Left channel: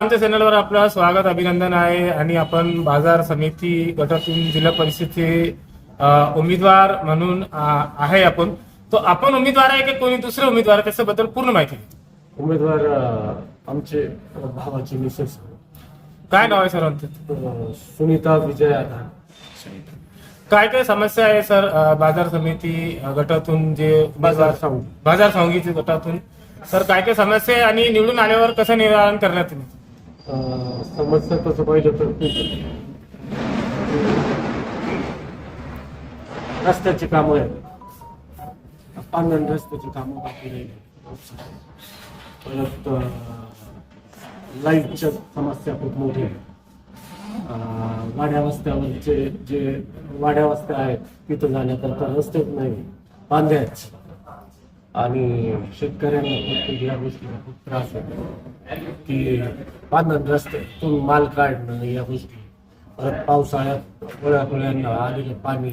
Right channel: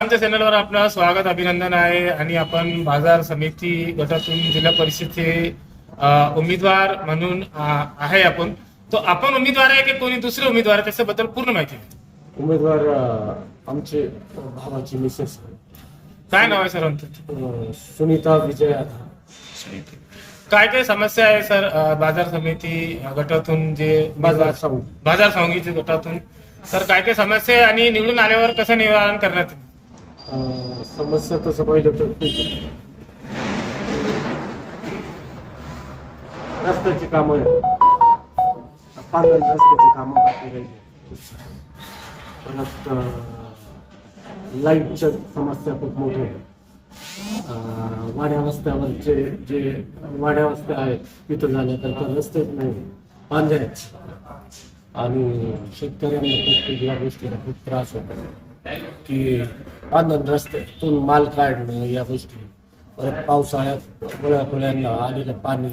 आमच्या चॅनलवर आपलं स्वागत अभिनंदन आहे आणि आपण बाजार समिती गटातून जिल्हा परिषदेचे उमेदवार म्हणून आहे आपण. तो आपण उमेदवार आहे की कोणी दुसरे उमेदवार आहे त्याच्याबद्दल पूर्ण माहिती द्या. उमेदवार आमचे भावाची मिसेस काय नाव आहे सर आमचं? सुनीता विजय आधार. काय काय समस्या आहे सर बाजार समिती गटातून जे बाजार समिती गटातून सर काय काय समस्या आहे आणि निवडून आल्यावर कसं निवारण करण्यात येईल? समस्या तसं पाहिलं तर रस्त्याची कामं आहे, पांगण रस्त्याची कामं बाकी राहिली. परत लाईटच्या समस्या खूप मोठ्या आहेत. वाड्या वस्त्यावरचे जे वाड्या वस्त्या आहेत तिथं जाण्याकरता रस्तेच नाही, बांधे आहेत आणि शेतकऱ्यांना खूप या गोष्टीला खूप त्रास होतो की बांधण रस्त्यातून माल काढणं या गोष्टी. परत पावसाळ्यात गोळ्यांना आलेलं पाणी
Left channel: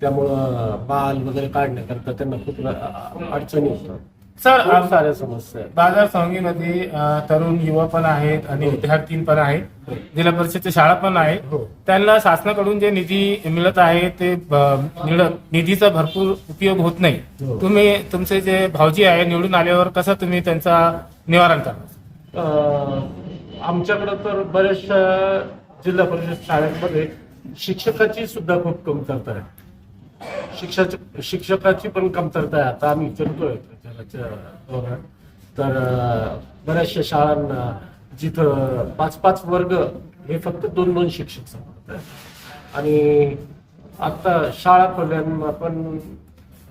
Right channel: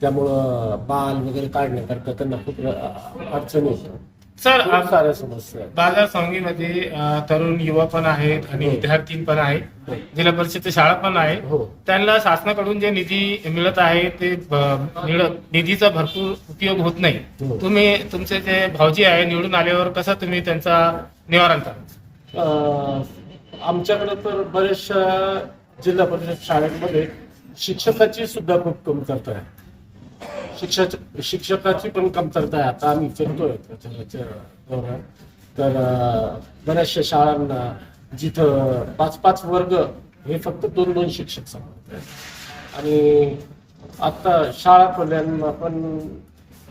त्यामुळं माल वगैरे काढण्याकरता त्यांना खूप अडचणी होतात. सर खूप साऱ्या समस्या आहेत. बाजार समितीमध्ये तरुण युवा पण आहेत आणि विद्यार्थी पण आहेत, जिल्हा परिषदची शाळा पण आहे. त्यांना शासनाकडून जे निधी मिळत आहे ते निधीचा भरपूर उपयोग होत नाही. तुम्ही तुमचे जे भाऊजी आहे निवडून आल्यावर कसं तुम्ही त्यांचा निवारण करा? आमच्याकडे तर बऱ्याचशा जिल्हा परिषद शाळांमध्ये शिक्षकाची सुद्धा खूप कमतरता आहे. शिक्षकाची पण कमतरता आहे. आता आम्ही फिरतोय प्रचाराच्या दौऱ्यात तर बऱ्याचशा शाळांना जिथं 5-5 वर्ग हे फक्त 2-2 शिक्षक सांभाळतात आणि आता शाळा खोल्यांना पण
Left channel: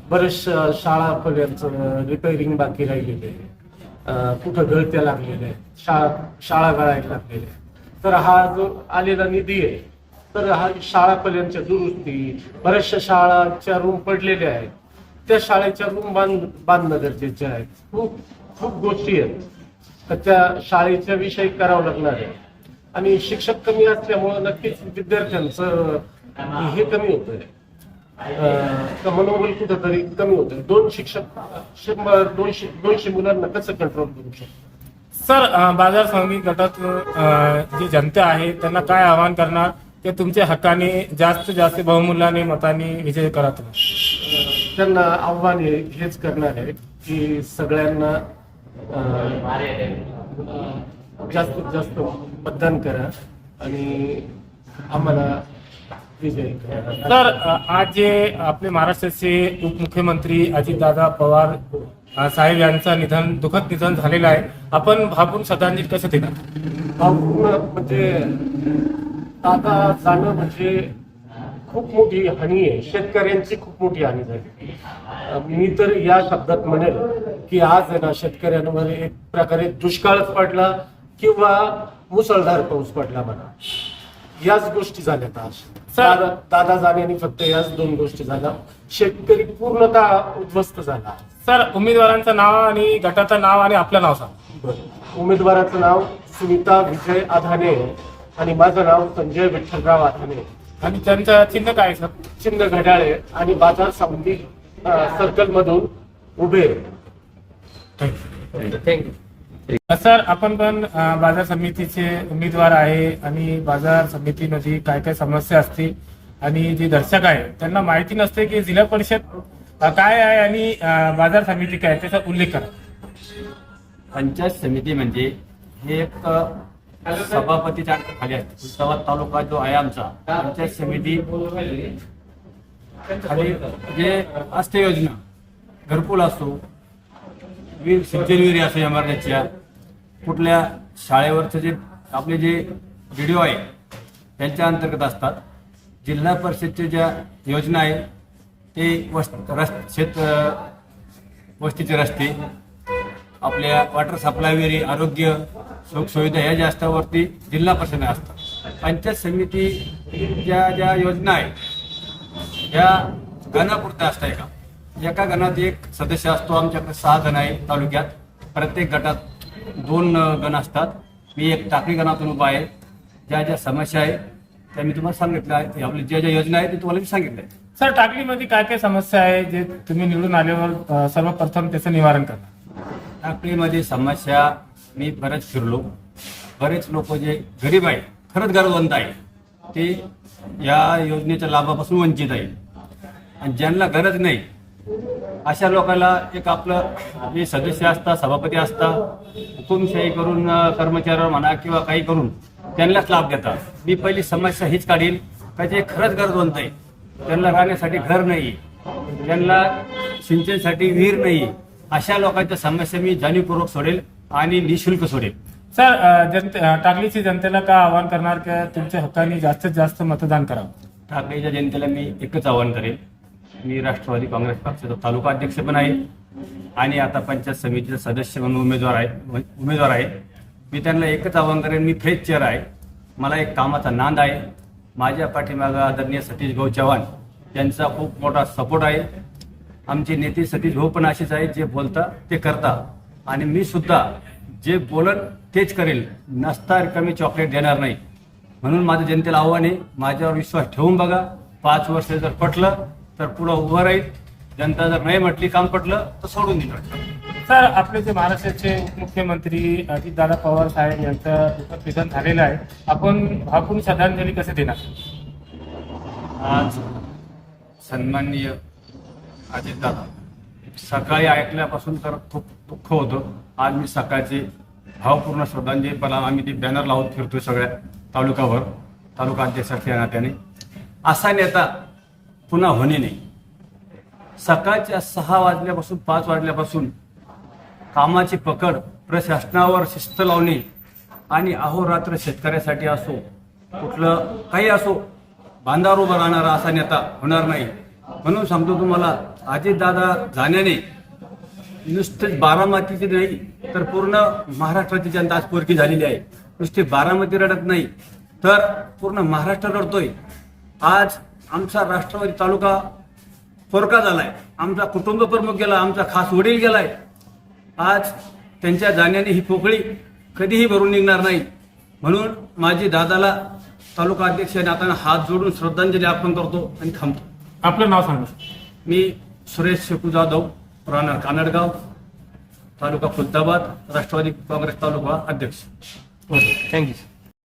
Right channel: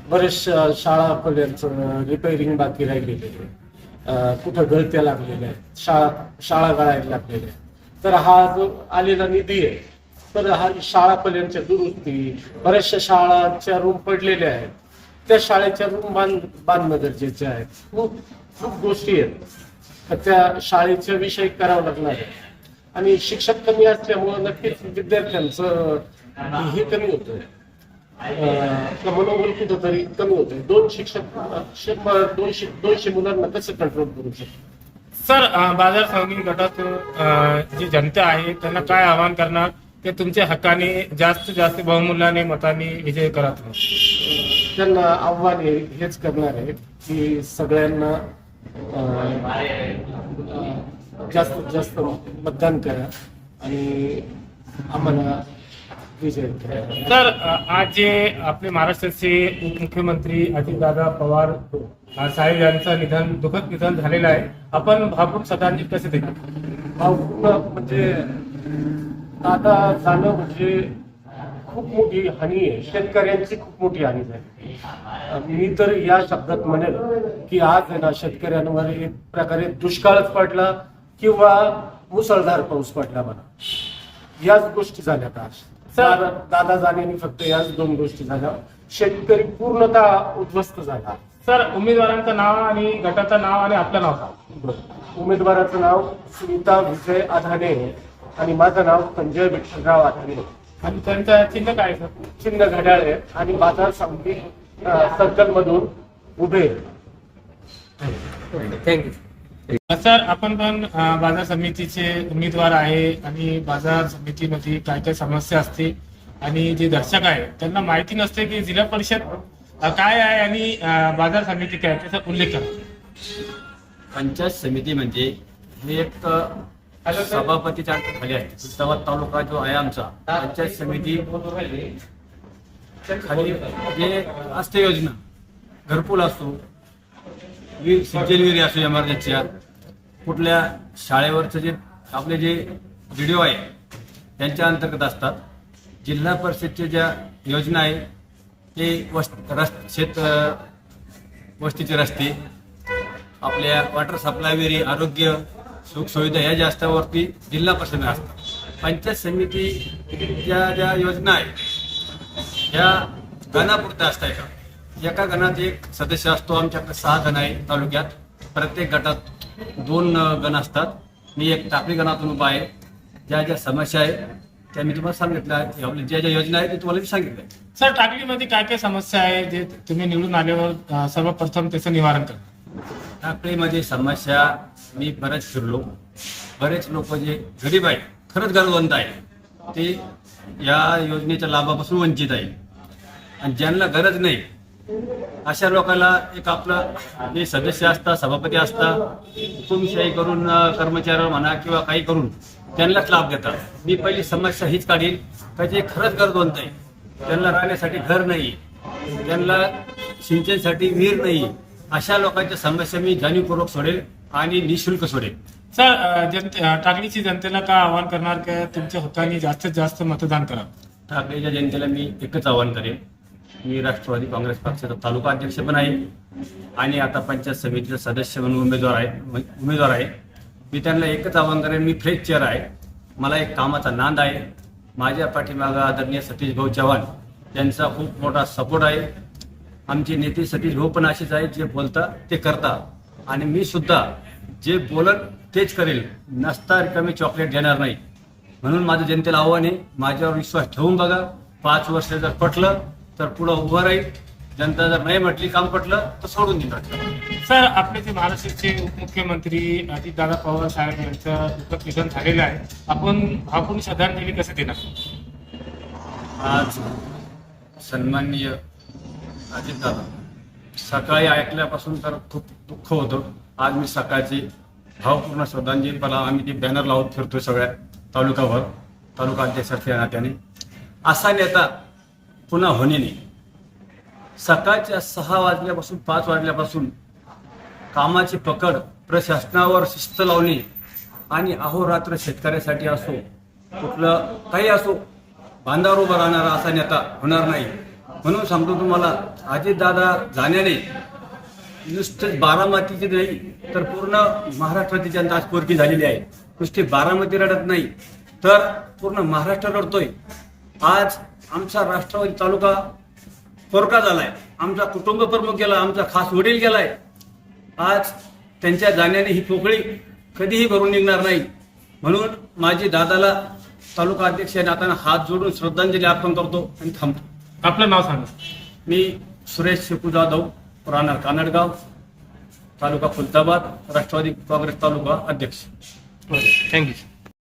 बऱ्याचशा शाळा खोल्यांचं रिपेअरिंग बाकी राहिलेले आहे. कुठं गळत्या लागलेल्या आहेत, शाळा गळायला लागलेल्या आहेत. तर हा जो आलेला निधी आहे तर हा शाळा खोल्यांच्या दुरुस्ती, बऱ्याचशा शाळांच्या रूम पडलेल्या आहेत, त्या शाळेच्या रूम बांधणं गरजेचे आहेत. खूप खूप गोष्टी आहेत तर त्या शाळेच्या विषयी करावं लागणार आहे. आणि शिक्षक कमी असल्यामुळं नक्कीच विद्यार्थ्यांचं हे कमी होतंय, मनोबल कुठंतरी कमी होतंय. 2 शिक्षक 200 मुलांना कसं कंट्रोल करू शकतो? सर बाजार समिती गटात जी जनता आहे त्यांना काय आवाहन करणार की तुमच्या हक्काने जास्तीत जास्त बहुमूल्याने मताने विजय करा तुम्ही? त्यांना आव्हान हेच करणार आहे की सगळ्यांना जास्तीत जास्त मतदान करा आणि आम्हाला विजय करा. तर आज जे आपले महाराष्ट्राचे उपमुख्यमंत्री अजितदादा पवार साहेब यांचं दुःखद निधन झालेलं आहे. आपण भावपूर्ण श्रद्धांजली कसं देणार? भावपूर्ण म्हणजे दादा जाणं म्हणजे खूप मोठी हानी आहे. शेतकऱ्यांची खूप मोठी हानी झाली. मी तर या शब्दात म्हणेल की आज आहे ना शेतकऱ्यांवर एक प्रकारे दुष्काळच पडला किंवा मुसळधार पाऊस पडला म्हणा. याच गोष्टी झाल्यात आज. दादा जाण्याने फक्त याच 2 गोष्टी झाल्या. शेतकरी पूर्णतः उद्ध्वस्त झाला. सर उमेदवारांचं नाव आणि गटाचं नाव आणि आपलं नाव सांगा. उमेदवाराचं नाव सुनीता विजय आधाने आणि माझं नाव संजय विठ्ठलराव आधाने. आणि त्यांचं चिन्ह काय सर? चिन्ह घड्याळे आणि बाजार समिती सर्कल मधून उभे. सर आपण पण बाजार समितीचे उमेदवार आहे आणि बाजार समितीमध्ये काय काय समस्या असते आणि जे दर्शक आहे त्यांना माहिती नसते की जिल्हा परिषद काय आहे आणि बाजार समिती काय त्याचा उल्लेख करा. पंचायत समिती म्हणजे हे एक सभापतीच्या खाली आहे. उस्मानाबाद तालुका जो आहे आमचा, पंचायत समिती खाली जे असते योजना, घरकुल असतो, सिंचन विहिरी असो, इमारतीच्या कुठल्या शाळेवरचे जे आपले जे व्हिडिओ आहे त्यांच्या अंतर्गत असतात. जिल्हा परिषदच्या ज्या योजना आहे ते वस्तीचे रस्ते, आपल्या वॉटर सप्लाय विहिरी, आरोग्य सुखसुविधा या जास्तावरती जिल्हा परिषद असतात. पंचायत समिती ज्या योजना आहेत या गणापुरत्या असतात का? एका गणात एक सदस्य असतो. आमच्याकडे 6 गण आहे तालुक्यात. प्रत्येक गटात 2 गण असतात. मी एक टाकळी गणातून उभा आहे. ज्या समस्या आहेत त्या मी तुम्हाला सांगितल्या आहेत. आपली ज्या योजना आहेत ते तुम्हाला मी सांगितलं. सर टाकळीमध्ये काय काय समस्या आहे जे तुम्ही निवडून आल्यावर सर्वप्रथम त्याचं निवारण करणार? टाकळीमध्ये समस्या मी बरेच फिरलो. बरेच लोक जे गरीब आहे, खरंच गरजवंत आहे, ते या योजनेच्या लाभापासून वंचित आहे. आणि ज्यांना गरज नाही अशा लोकांना एक आपलं जे सदस्य असतात, सभापती असतात, हुकुमशाही करून कर्मचारी म्हणा किंवा काही करून त्यांनाच लाभ देतात. मी पहिली समस्या हीच काढील का जे खरंच गरजवंत आहे, त्यांना राहण्यासाठी घर नाही, त्यांना सिंचनसाठी विहीर नाही, अशा लोकांच्या समस्या मी जाणीवपूर्वक सोडेल आणि निशुल्क सोडेल. सर, टाकळीची जनतेला का आवाहन करणार का तुमच्या हक्काने जास्तीत जास्त मतदान करा? ठाकरेच्या जनतेला मी एकच आवाहन करेन. मी राष्ट्रवादी काँग्रेस पक्षाचा तालुका अध्यक्ष पण आहे आणि आता पंचायत समितीचा सदस्य म्हणून उमेदवार आहे. मी त्यांना एकच आवाहन करेन, मी फेज चेअर आहे, मला एक कामाचा नांद आहे. माझ्या पाठीमागं आदरणीय सतीश भाऊ चव्हाण यांचा खूप मोठा सपोर्ट आहे. आमचे नेते सतीश भाऊ पण असेच आहेत, जे बोलता ते करता आणि मी सुद्धा जे बोलन तेच करेल, नसता रिकामी चॉकलेट देणार नाही. म्हणून माझं जनतेला आव्हान आहे, माझ्यावर विश्वास ठेवून बघा. 5 वर्ष जर पटलं तर पुढं उभं राहील, जनता जर नाही म्हटली काम पटलं तर सोडून देणार. सर, आपले जे महाराष्ट्राचे उपमुख्यमंत्री अजितदादा पवार साहेब यांचं दुःखद निधन झालेलं आहे, आपण भावपूर्ण श्रद्धांजली कसे देणार? आज सन्माननीय अजितदादा, सकाळी ऐकल्यापासून तर खूप दुःख होतं. आज मी सकाळची भावपूर्ण श्रद्धांजली, पण आम्ही ती बॅनर लावून फिरतोय सगळ्या तालुकावर, तालुका अध्यक्षाच्या नात्याने. असा नेता पुन्हा होणे नाही. सकाळच्या 6 वाजल्यापासून 5 वाजल्यापासून कामाची पकड, प्रशासनावर शिस्त लावणे आणि अहोरात्र शेतकऱ्यासाठी असो, कुठलं काही असो, बांधावर उभं राहणारा असा नेता होणार नाही. म्हणून सांगतो तुम्हाला, अजितदादा जाण्याने नुसतेच बारामतीची नाही तर पूर्ण महाराष्ट्राची जनता आज पोरकी झालेली आहे. नुसती बारामती रडत नाही तर पूर्ण महाराष्ट्र रडतोय. आज आमचा राष्ट्रवादी तालुका पोरका झालाय, आमचा कुटुंब प्रमुख गेला, आमचा खास वडील गेलाय. आज त्यांच्या जाण्याने ही पोकळी कधीही भरून निघणार नाही. म्हणून माझी दादाला तालुका अध्यक्ष नात्याने हात जोडून श्रद्धांजली अर्पण करतो आणि थांबतो. आपलं नाव सांगा. मी सुरेश शेकू जाधव, राहणार कानडगाव, तालुका खुलताबाद, राष्ट्रवादी काँग्रेस तालुका अध्यक्ष. थँक्यू.